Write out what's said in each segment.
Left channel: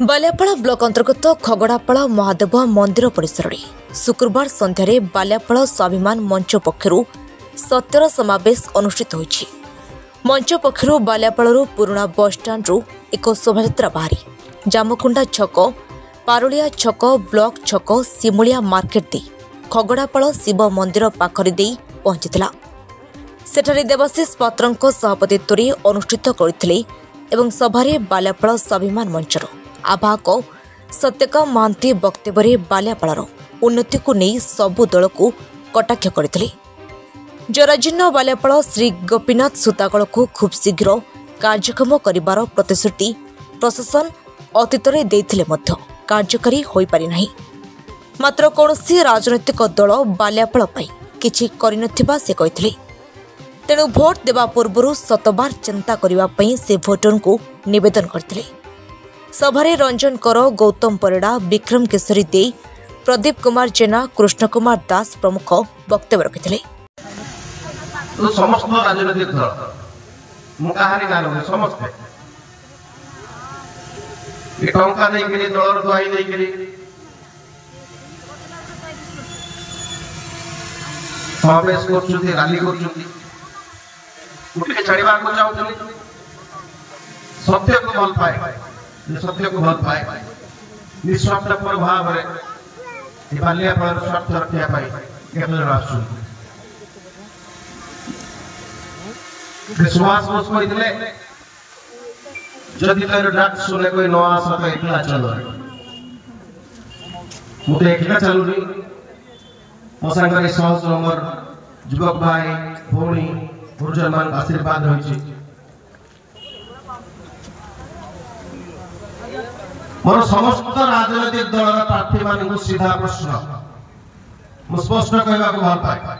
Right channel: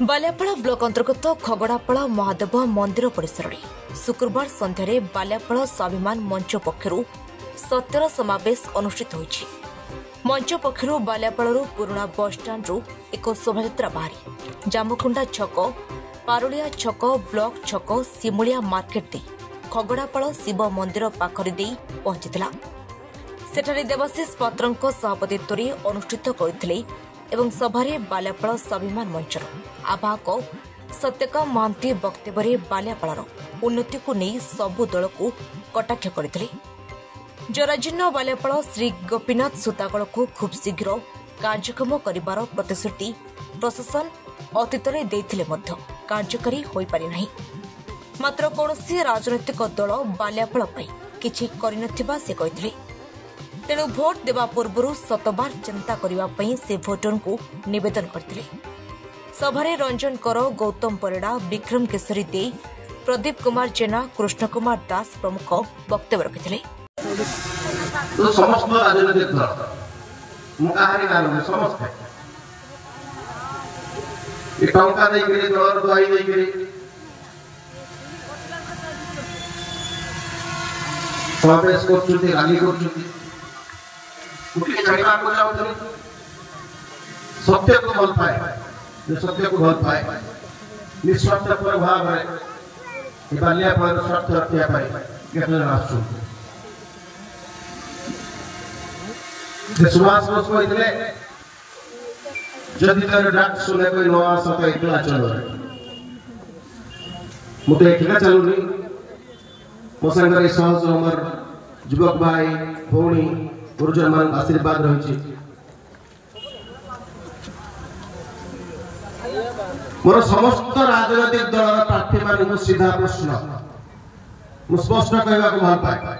Baliapal block अंतर्गत खगड़ापाड़ महादेव मंदिर परिसर में शुक्रवार संध्यारे बालियापाड़ स्वाभिमान मंच पक्षर सत्तर समावेश अनुष्ठित होइछि। मंच पक्षर बालियापाड़ पुराना बसस्टाण्रु एक शोभायात्रा बाहरी जामकुंडा छक पारुलिया छक ब्लॉक छक सिमुलिया मार्केट दे खगड़ापाड़ शिव मंदिर पाखरी दे पहुंचीला। सेठारे देवाशीष पात्रଙ୍କ सभापतित्वरे अनुष्ठित करथिले एवं सभारे बालियापाड़ स्वाभिमान मंचर आवाहक सत्यकाम महांती वक्तव्य बालियापाड़ उन्नति को नहीं सबु दल को कटाक्ष करथिले। जराजीर्ण बालियापाड़ श्री गोपीनाथ सुतागल को खूब शीघ्र कार्यक्षम करिवार प्रतिश्रुति प्रशासन अतीतरे देथिले मध्य कार्यकारी होई पारि नाही। मात्र कौनसी राजनैतिक दल बालियापाड़ पई किछि करिनथिबा से कहिथिले। तेणु भोट देवा पूर्व शतबार चिंता करने से भोटर को निवेदन करते। सभारे रंजन कर, गौतम परिड़ा, विक्रम केशरी दे, प्रदीप कुमार जेना, कृष्ण कुमार दास प्रमुख वक्तव्य रखिते। समस्त राजनीतिक दल मुकाहारी गाल समस्त टंका नहीं दलर दुआई नहीं समावेश कर राली कर छाड़ा चाहूँ सत्य को भल पाए सत्य को भल पाए निस्वार्थ भाव में बालियापाड़ स्वार्थ रखा सुभाष बोस कहते जदि तेरे डाक सुने कोई न आस तो एकला चलो मुझे एकला चलू मो सांगे समाज नंबर युवक भाई भौणी गुरुजन मान आशीर्वाद रही मोर समस्त राजनैतिक दल प्रार्थी मान सीधा प्रश्न स्पष्ट कहवा भल पाए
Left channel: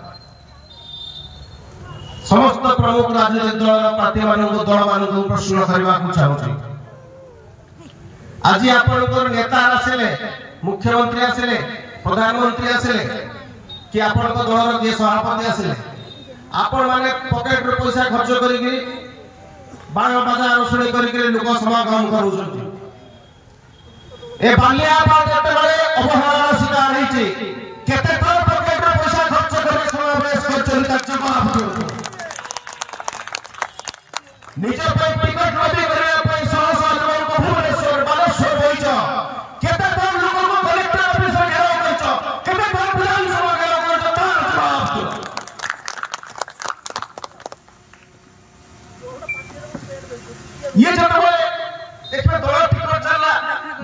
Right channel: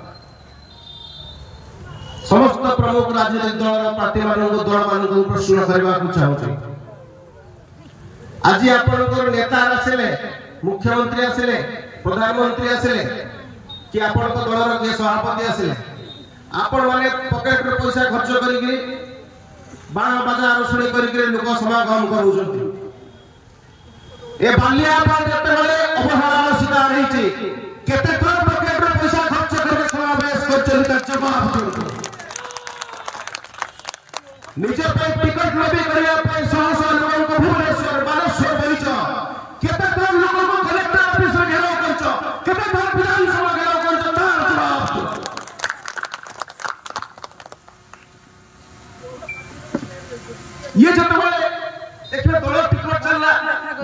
समस्त प्रमुख राजनैतिक दल प्रार्थी मान दल मान प्रश्न करने चाहूँ आज आपंकर नेता आसिले मुख्यमंत्री आसिले प्रधानमंत्री आसिले कि आपण दलर किए सभापति आसिले आपण माने पॉकेट रे पैसा खर्च करिके बाण बाजा अनुसरण करिके लोक समागम करूछथि। ए बालियापाड़ जते बळे अवहेलार शिकार हेछि केते थोर पॉकेट रे पैसा खर्च करे समावेश करछन कार्यक्रम निजे पई टिकट लबी करे पई सहसा लोक को भुवनेश्वर बालेश्वर बैठ केते थोर लोक को कलेक्टर ऑफिस में घेराव करछ केते थोर विधानसभा घेराव करछ ये जब देखिए दल टिकट चलला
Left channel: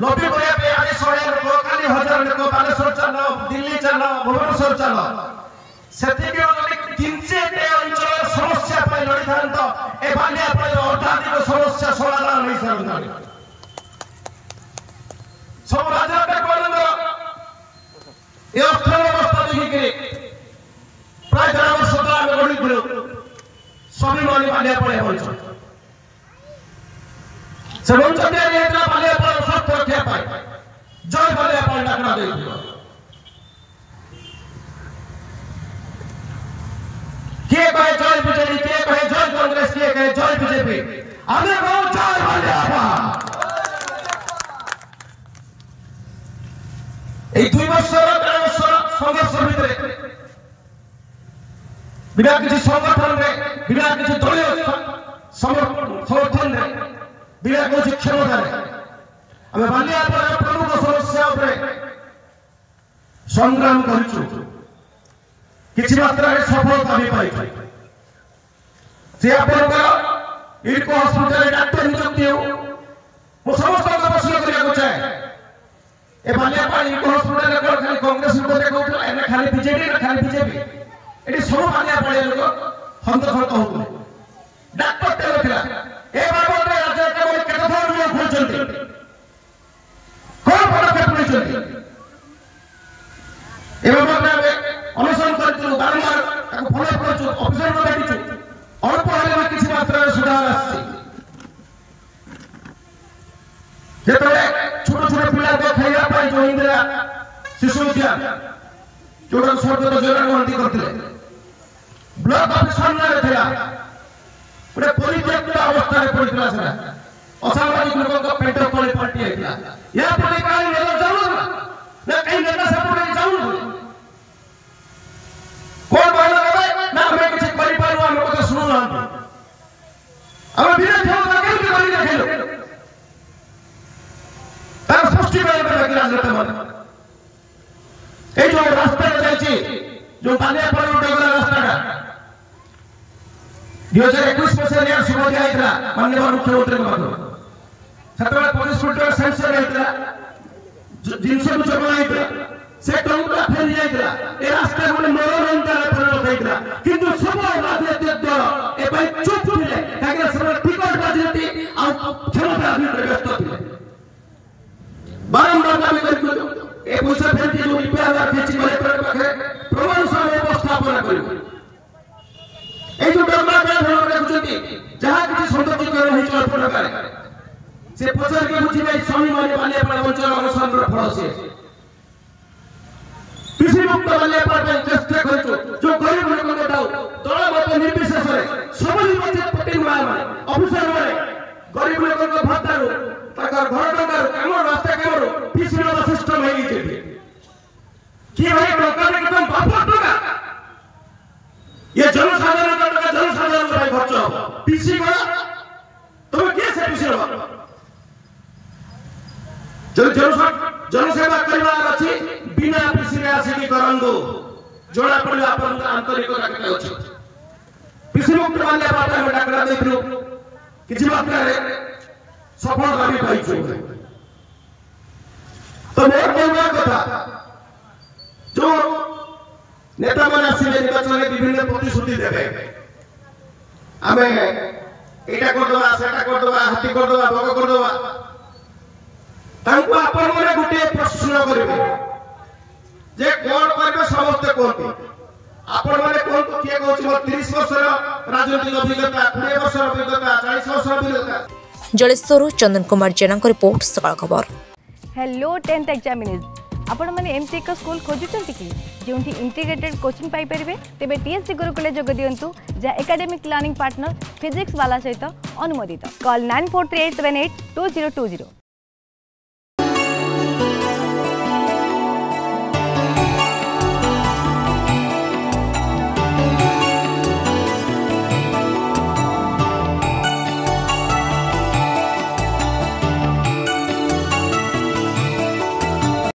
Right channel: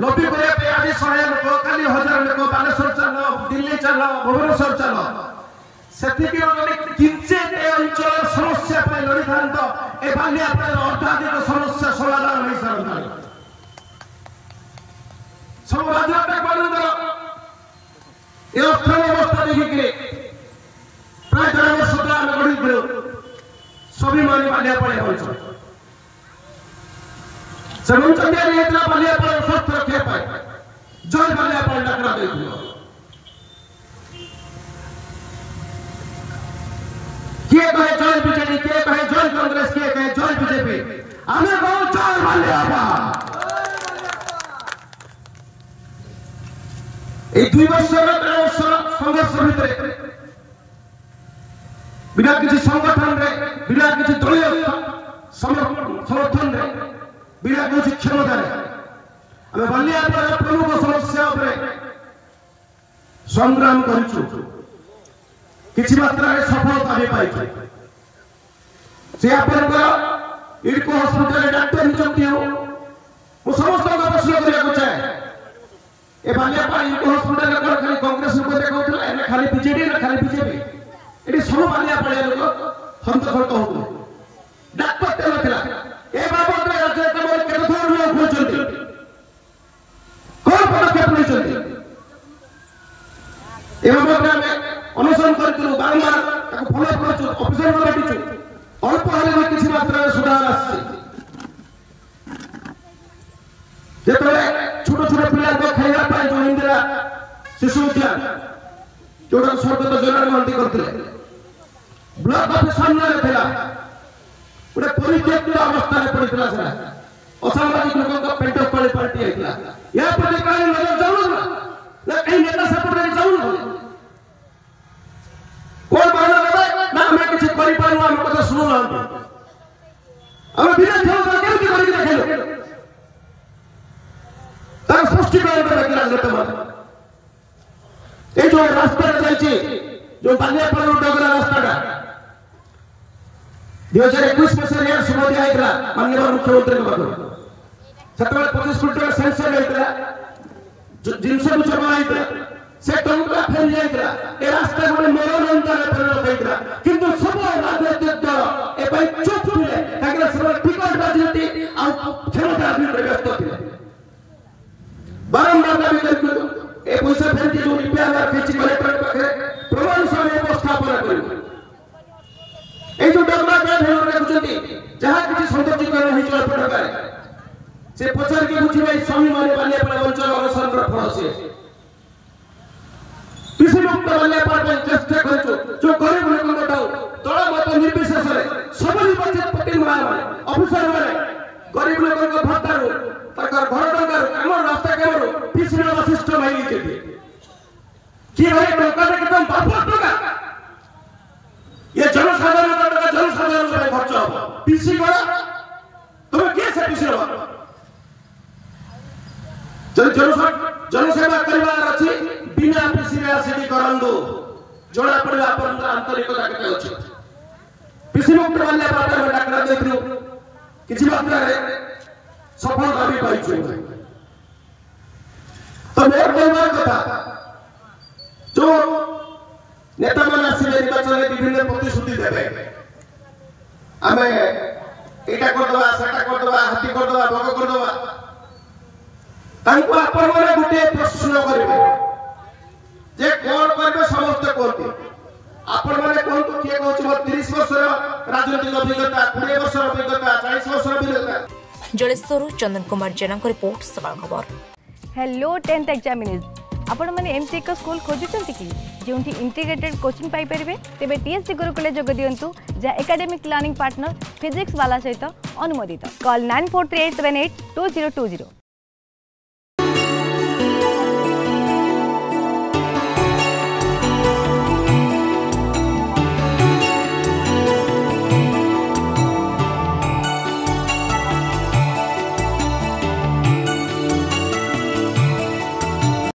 नबी कोया पे आज 100 लोकली 1000 लोक बालेश्वर चललो दिल्ली चललो भुवनेश्वर चललो सेतिके किंचे ए अंचल समस्या पे लड़ी थांत ए बालियापाड़ अत्याधिक समस्या समाधान नहीं सरकार सब राजनीतिक दल ए अर्थन अवस्था देखिके प्राय 4 वर्ष तक गढ़ी दिलो सभी मानी बालियापाड़ होछ समूह चंद्र नेता बालियापाड़ स्वार्थ रखा पाए जय बालियापाड़ डाकरा दे किए कहे जय बीजेपी किए कहे जय कांग्रेस किए कहे जय बीजेपी हमें कहो जय बालियापाड़ ए 2 वर्ष 3 वर्ष संघर्ष भितर बिना किसी संगठन रे बिना किसी दलीय समर्थन रे बिना किसी क्षमता हमें बालियापाड़ प्रमुख समस्या संग्राम करूँ किसी मात्रा सफलता भी पाई इको हस्पिटाल डाक्टर नियुक्ति हो समस्त प्रश्न करने चाहे ए बालियापाड़ इको हस्पिटाल खाली कांग्रेस लोक देखा खाली बीजेपी खाली बीजेपी ये सब बालियापाड़ लोक हंतसंत हो डाक्टर तेल ए बाबद राज्य के कौन पदक्षेप अनुसरण करते बारंबार फल कर ऑफिसर अल्प हाल किसी मात्रा सुधार छोट छोट पिला खाइबा जो इंदिरा शिशु उद्यान जो सरकार जोरान मंडी करते ब्लॉक ऑफिस सामने था परित्यक्त अवस्था असामाजिक लोगों का पेट तले पार्टी है या पर कहीं नजर जाऊं ना कहीं नेता सपोर्ट जाऊं कौन बोला ना मैं कुछ कर पाऊं हम को सुनो ना हम बिना ध्यान रखे के कोई नहीं खेलो तार सृष्टि कर के आगे मत ये जो रास्ता चलची जो बालिया पर उठेगा रास्ता का 2021 में से शुरू किया माननीय मुख्यमंत्री महोदय सेक्टर 25 फुट सेंसर है जिनसे मुझे माहिती से टंका फेल जाएगा ए रास्ते में मनोरंजन का रखा किंतु सब राजनीतिक दल ए भाई चुप थे काहे सब टिकट राजनीति और क्षमता अभी व्यस्त थे बारंबार दाबी करके ए मुझे फेल जो रिपेयर खींच कलेक्टर पाखे प्रमाण सह उपस्थापन करू ए जो डेवलपमेंट होने रखुଛନ୍ତି जहां किसी सौंदर्यीकरण होई चला पड़े से पचार के मुझे नहीं स्वामी माने वाले अपना वंचन अनुसरण कर फल से किसी मुक्त वाले पर चेष्टा करछो जो गरीब लोग को बताओ तोड़ा मत निर्विशेष है सबल बचत पटेल माने अफसर माने गरीब लोग को भत्ता रो ताका घर टका काम रास्ता केरो पिछला सिस्टम है ये कि भाई टका एकदम बापट टका ये जनसाधारण का टका जनसाधारण का खर्च हो पीसी गला तो कैसे पीसी रो जनसेवा करवा अछि बिना पीसी रे आसी करंदो जोड़ा पड़े अपन आंतरिकता के अछि पीसी मुक्त वाले बात में डाकरा देखलो किछि बात रे सफल कभी पाई छु तो मोर बोलवा कथा जो नेता माने आसी निर्वाचन विभिन्न प्रतिश्रुति देबे आमे एटा करदवा सेटा करदवा हाथी करदवा भोग करदवा तांको अपन माने गुटे प्रश्न करबे जे कोन करबे समस्त कोनते अपन माने कोन तो के कहछ मोर 30 वर्ष राजनीतिक अभिज्ञता 20 वर्ष अभिज्ञता 40 वर्ष अभिज्ञता जलेश्वर चंदन कुमार जेना को रिपोर्ट सकाळ खबर हेलो 10th एग्जामिनीज आपण माने एमसी एक स्कूल खोजुचंती कि जोंठी इंटीग्रेटेड कोचिंग पाई परिबे तेबे टीएससी गुरुकुले जोग दियंतु जा एकेडमिक लर्निंग पार्टनर फिजिक्स वाला सहित अनुमोदित कॉल 9438782020